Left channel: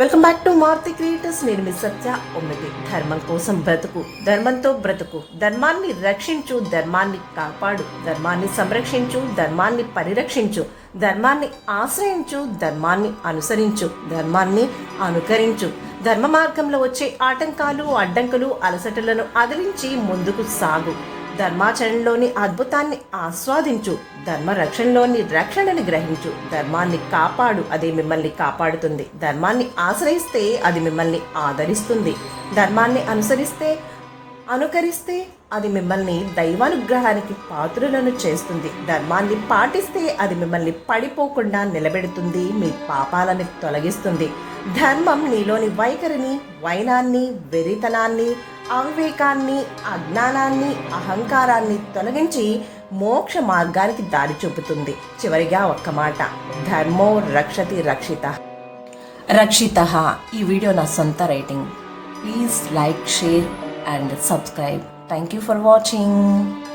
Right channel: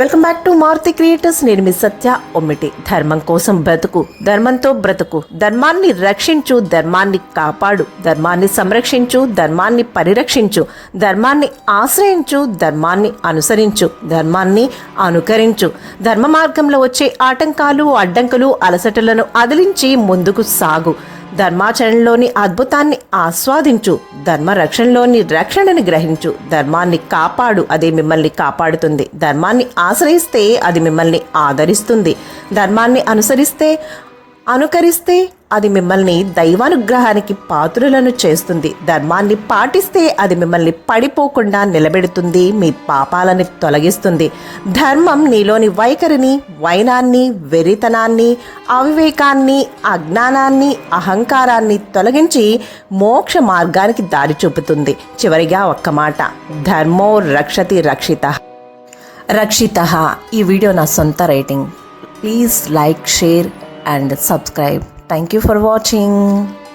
Welcome back to Maruti creators. నేను మీ సత్య ఒమ్మిటి. ధర్మం కోసం బ్రతుకు, ధర్మంతో బ్రతుకు, ధర్మాన్ని రక్షించు, ధర్మాన్ని కాపాడు, ధర్మాన్ని సంరక్షించు, ధర్మాన్ని పరిరక్షించు, ధర్మాన్ని ఆశ్రయించు, ధర్మాన్ని అనుసరించు, ధర్మాన్ని అనుకరించు. ధర్మ మార్గంలో వచ్చే ఆటంకాలు, అడ్డంకులు, అలసటలను అదిలించి ముందుకు సాగు. ధర్మాచరణలోని అద్భుతాన్ని ఆస్వాదించు, ధర్మ రక్షణలోని రక్షణని గ్రహించు, ధర్మాన్ని కాపాడు, అదే మిమ్మల్ని కాపాడుతుంది. ధర్మాన్ని ఆశ్రయిస్తే అది మిమ్మల్ని ఆదరిస్తుంది. ధర్మాన్ని అనుకరిస్తే అది మిమ్మల్ని దైవానుగ్రహానికి పాత్రులను చేస్తుంది. ధర్మాన్ని పాటిస్తే అది మిమ్మల్ని పడిపోకుండా నిలబెడుతుంది, మీ పాపాలని తొలగిస్తుంది. ధర్మం నీలోని వైఖరిని, వైనాన్ని, వెరితనాన్ని, అవివేకాన్ని, అజ్ఞానాన్ని, అహంకారాన్ని తొలగించి మోక్ష మార్గానికి దారి చూపుతుంది. చివరిగా ఒక్క మాట, ధర్మో రక్షతి రక్షిత. ఈ వీడియో నా సొంత writing. Please like, share and subscribe. Thank you for watching.